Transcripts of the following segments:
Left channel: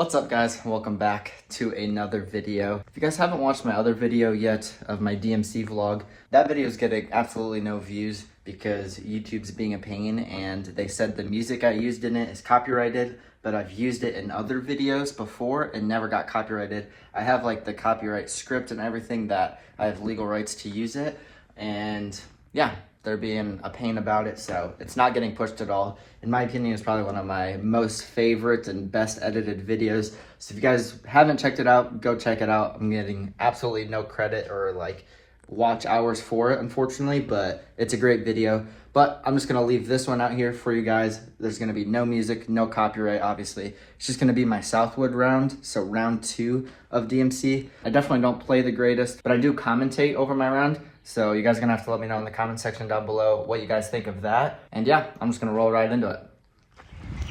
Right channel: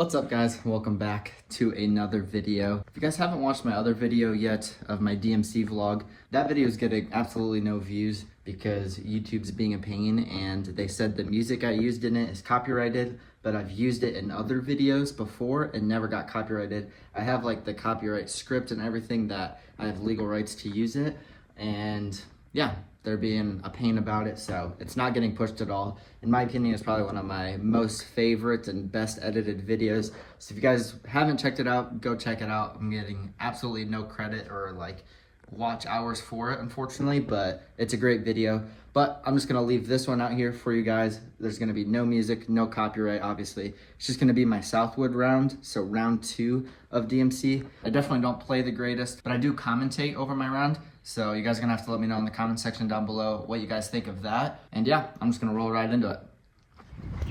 What's up, guys? Welcome back to another video. If you guys haven't watched my other video yet of my DMC vlog, that video is getting absolutely no views because YouTube's being a pain, and they said the music I used in it is copyrighted, but I've used it in other videos before and never got copyrighted. I have like the copyright script and everything that I have legal rights to use it, and yeah, they're being a pain about it, so it's not getting pushed at all. In my opinion, it's probably one of my most favorite and best edited videos. So if you guys haven't checked it out, go check it out. I'm getting absolutely no credit or like watch hours for it, unfortunately, but it's a great video. But I'm just gonna leave this one out here for you guys. There's gonna be no music, no copyright, obviously. It's just gonna be my Southwood round, so round 2 of DMC. I definitely don't play the greatest, but I do commentate over my round. So you guys are gonna have to let me know in the comment section down below what you guys think of that. And yeah, I'm just gonna roll right into it.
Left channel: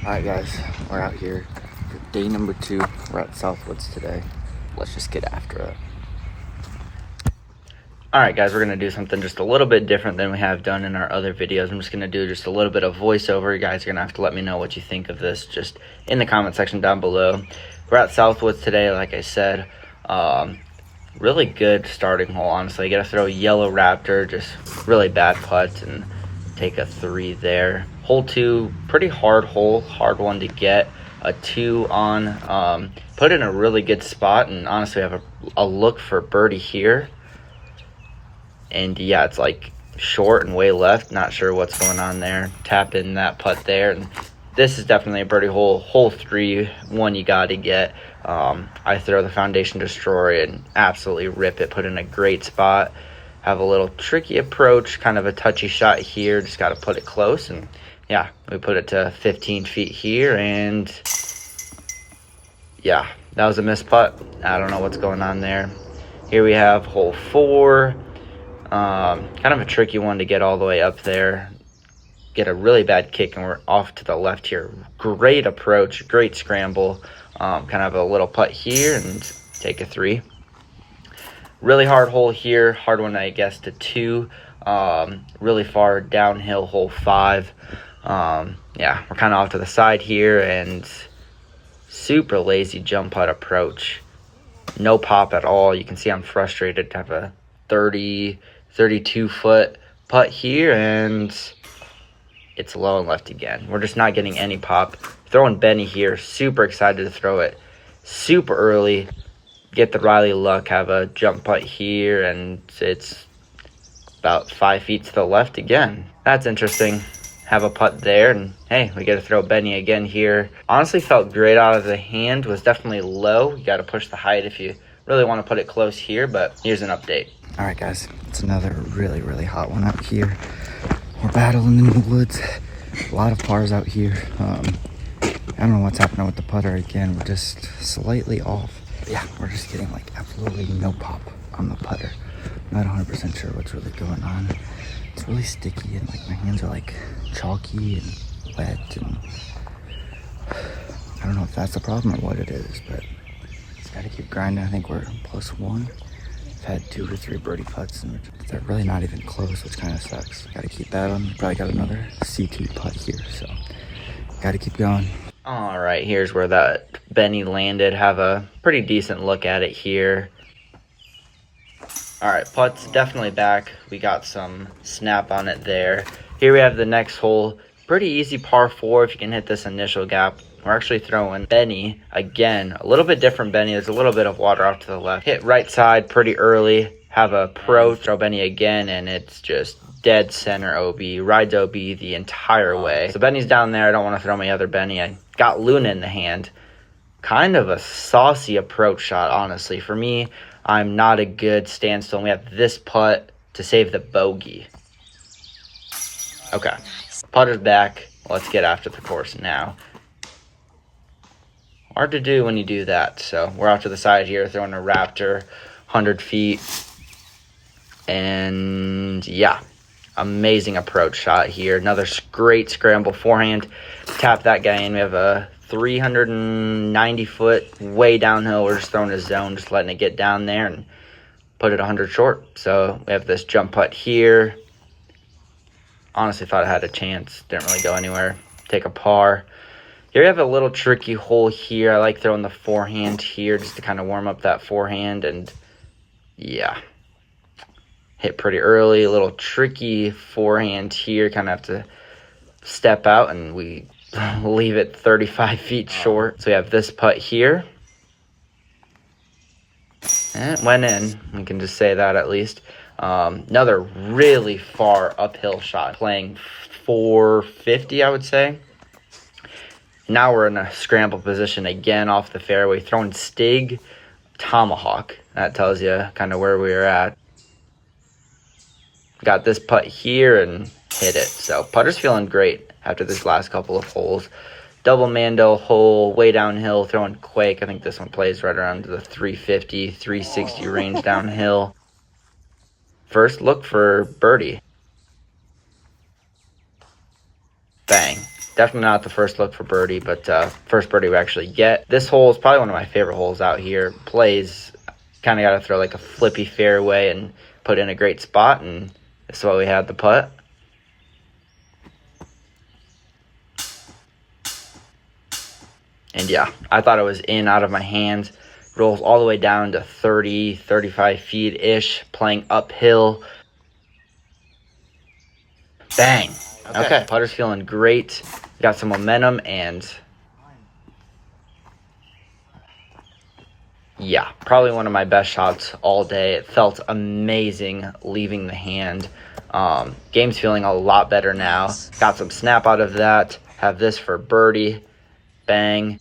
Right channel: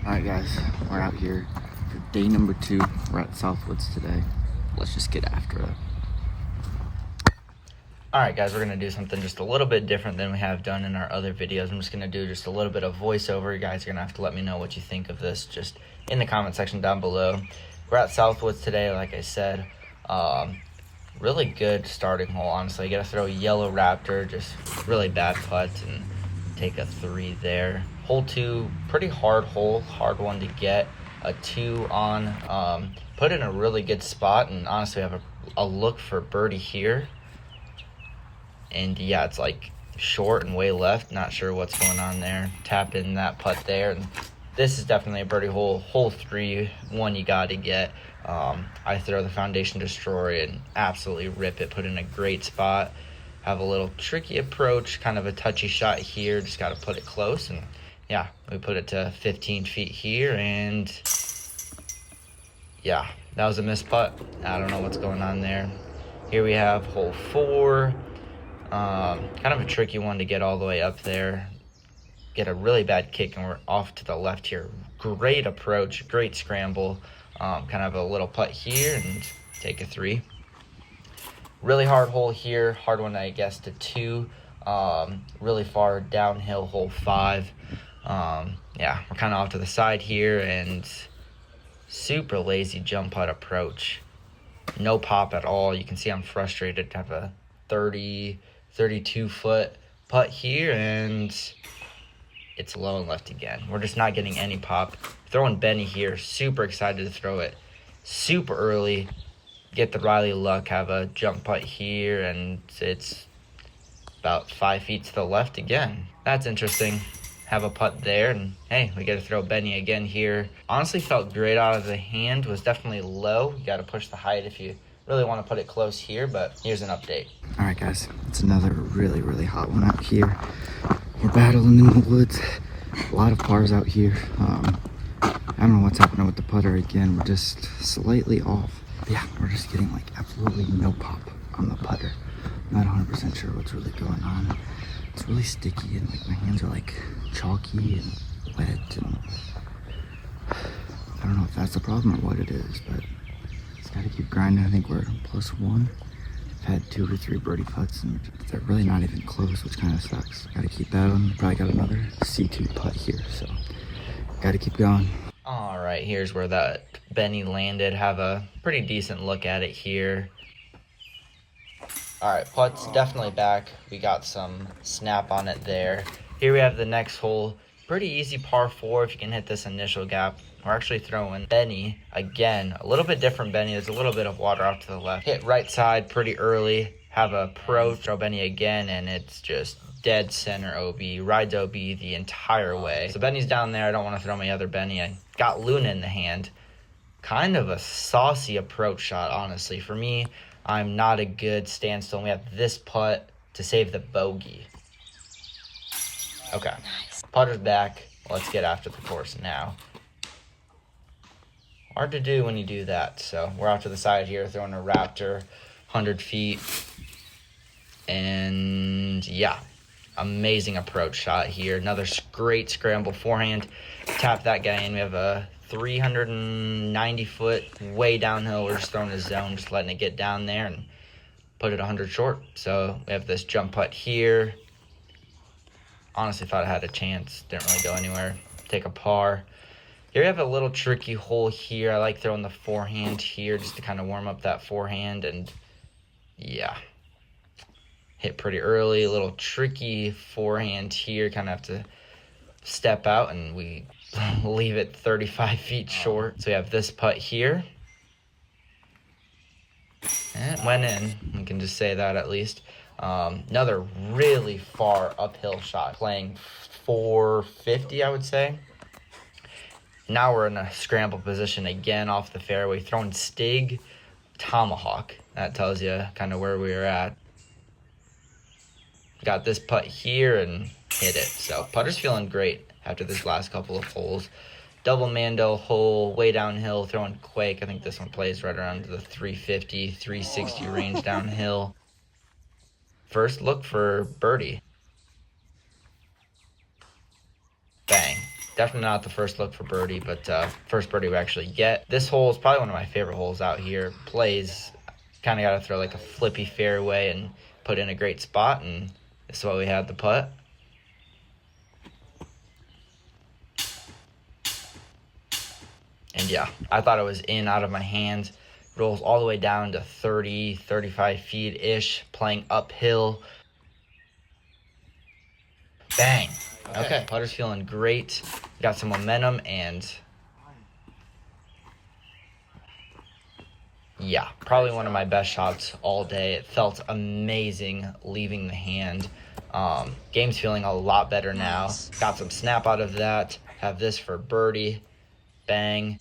All right, guys, we're out here for day number 2. We're at Southwoods today. Let's just get after it. All right, guys, we're gonna do something just a little bit different than we have done in our other videos. I'm just gonna do just a little bit of voiceover. You guys are gonna have to let me know what you think of this just in the comment section down below. We're at Southwoods today, like I said. Really good starting hole, honestly. You gotta throw a yellow Raptor, just really bad putts, and take a 3 there. Hole 2, pretty hard hole, hard one to get. A 2 on, put in a really good spot, and honestly have a look for birdie here. And yeah, it's like short and way left. Not sure what's going on there. Tap in that putt there. And this is definitely a birdie hole. Hole 3, one you got to get. I throw the foundation destroyer and absolutely rip it. Put in a great spot. Have a little tricky approach, kind of a touchy shot here. Just got to put it close. And yeah, we put it to 15 feet here. And yeah, that was a missed putt. I don't know what's going on there. Here we have hole 4. Kind of a tricky one to get all the way up there. Get a really bad kick, and we're off to the left here. Great approach, great scramble. Kind of a little putt here and take a 3. Really hard hole here. Hard one, I guess, to 2. Really far downhill, hole 5. Yeah, we're kind of off to the side here, and super lazy jump putt approach. No pop at all. You can see I'm frustrated to have a 32-foot putt here, and it's low and left again. We're just not getting any pop. Throwing Benny here, super excited to throw it super early. Get the Riley luck, have a jump putt here, and it's about 5 feet to the left again. That's interesting. Have a putt there, and hey, we get to throw Benny again here. Honestly, felt great out of the hand. Was definitely low. You got to push the height if you really want to put it close here, but here's an update. All right, guys, it's another really, really hot one out here. We're battling in the woods. A lot of pars out here. I don't know what's happening with the putter again. We're just slightly off. But yeah, we're just getting like absolutely no pop on the putter. Not 100% sure what's really going on. It's really sticky, and like my hands are like chalky and wet, and I don't know if that's the problem or what it is, but just gotta keep grinding. I think we're +1. I've had 2 or 3 birdie putts, and they're really not even close, which kind of sucks. Gotta keep that on. Probably got another C2 putt here, so gotta keep going. All right, here's where that Benny landed. Have a pretty decent look at it here. All right, putt's definitely back. We got some snap on it there. Here we have the next hole. Pretty easy par 4 if you can hit this initial gap. We're actually throwing Benny again. A little bit different Benny. There's a little bit of water off to the left. Hit right side pretty early. Have a pro throw Benny again, and it's just dead center OB. Rides OB the entire way. So Benny's down there. I don't want to throw my other Benny. I got Luna in the hand. Kind of a saucy approach shot, honestly. For me, I'm not a good standstill. And we have this putt to save the bogey. Okay. Nice. Putter's back. Let's get after the course now. Hard to do when you do that. So we're out to the side here, throwing a Raptor, 100 feet. And yeah, amazing approach shot here. Another great scramble forehand. Tap that guy in. We have a 390 foot way downhill. We're just throwing a zone, just letting it get down there and put it 100 short. So we have this jump putt here. Honestly thought I had a chance. Didn't really go anywhere. Take a par. Here we have a little tricky hole here. I like throwing the forehand here just to kind of warm up that forehand, and yeah, hit pretty early. A little tricky forehand here. Kind of have to step out, and we leave it 35 feet short. So we have this putt here. And it went in. We can just say that at least. Another really far uphill shot, playing 450, I would say. Now we're in a scramble position again off the fairway, throwing Stig Tomahawk. That tells you kind of where we were at. Got this putt here and hit it. So putter's feeling great after this last couple of holes. Double Mando hole, way downhill, throwing Quake. I think this one plays right around the 350, 360 range downhill. First look for birdie. Bang. Definitely not the first look for birdie, but first birdie we actually get. This hole is probably one of my favorite holes out here. Plays, kind of got to throw like a flippy fairway and put in a great spot, and this is what we had the putt. And yeah, I thought it was in out of my hands. Rolls all the way down to 30, 35 feet-ish, playing uphill. Bang. Okay, putter's feeling great. Got some momentum, and yeah, probably one of my best shots all day. It felt amazing leaving the hand. Game's feeling a lot better now. Got some snap out of that. Have this for birdie. Bang.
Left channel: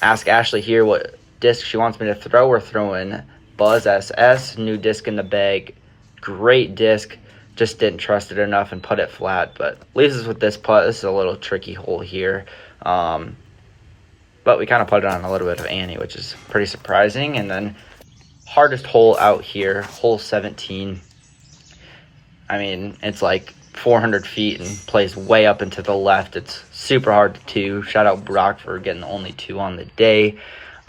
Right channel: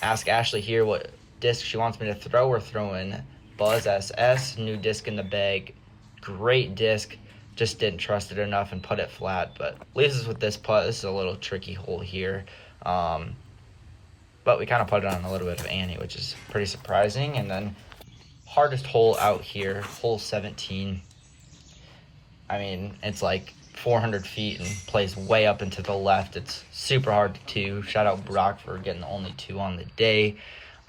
Ask Ashley here what disc she wants me to throw. We're throwing Buzz SS, new disc in the bag. Great disc. Just didn't trust it enough and put it flat, but leaves us with this putt. This is a little tricky hole here. But we kind of put it on a little bit of Annie, which is pretty surprising. And then hardest hole out here, hole 17. I mean, it's like 400 feet and plays way up into the left. It's super hard to two. Shout out Brock for getting the only two on the day.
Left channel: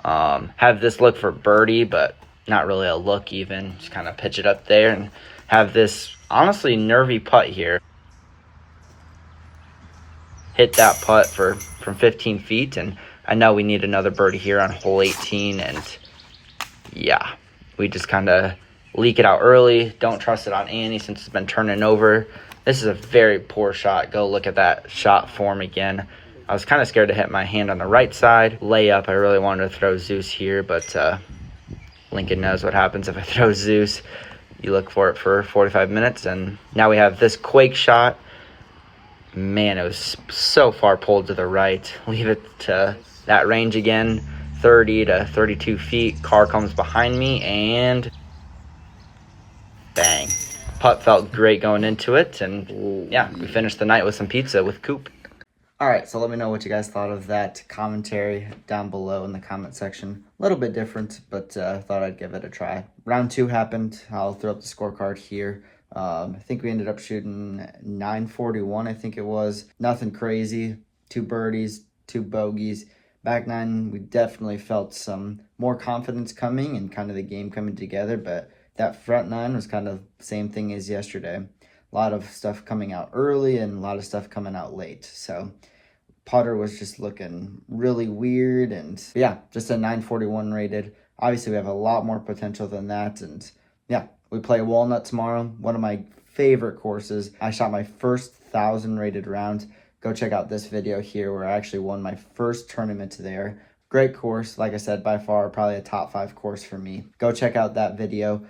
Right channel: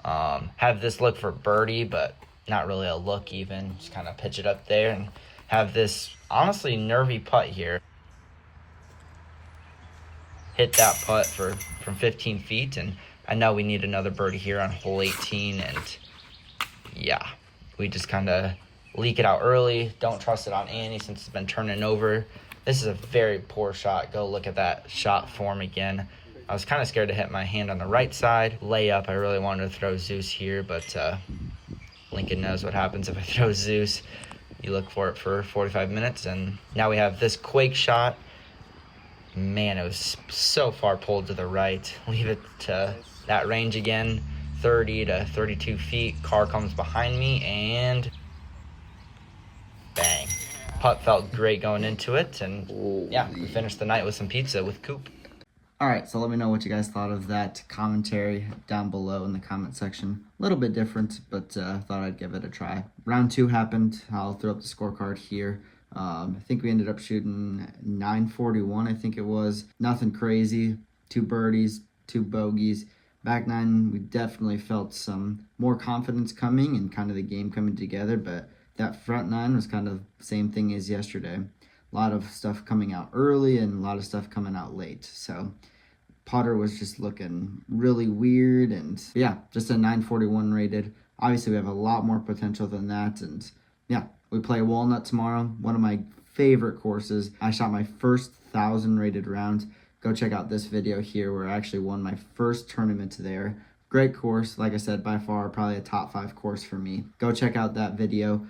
Have this look for birdie, but not really a look even. Just kind of pitch it up there and have this honestly nervy putt here. Hit that putt from 15 feet, and I know we need another birdie here on hole 18, and yeah, we just kind of leak it out early. Don't trust it on Annie since it's been turning over. This is a very poor shot. Go look at that shot form again. I was kind of scared to hit my hand on the right side. Layup, I really wanted to throw Zeus here, but Lincoln knows what happens if I throw Zeus. You look for it for 45 minutes, and now we have this Quake shot. Man, it was so far pulled to the right. Leave it to that range again, 30 to 32 feet. Car comes behind me, and bang. Putt felt great going into it, and yeah, we finished the night with some pizza with Coop. All right, so let me know what you guys thought of that commentary down below in the comment section. A little bit different, but thought I'd give it a try. Round 2 happened. I'll throw up the scorecard here. I think we ended up shooting 941, I think it was. Nothing crazy. 2 birdies, 2 bogeys. Back 9, we definitely felt some more confidence coming and kind of the game coming together, but that front 9 was kind of the same thing as yesterday. A lot of stuff coming out early and a lot of stuff coming out late. So putter was just looking really weird, and yeah, just a 941 rated. Obviously, we have a lot more potential than that, and yeah, we play Walnut tomorrow, one of my favorite courses. I shot my first 1,000 rated round. Go check out this video here where I actually won my first tournament there. Great course, like I said, by far probably a top 5 course for me. Go check out that video.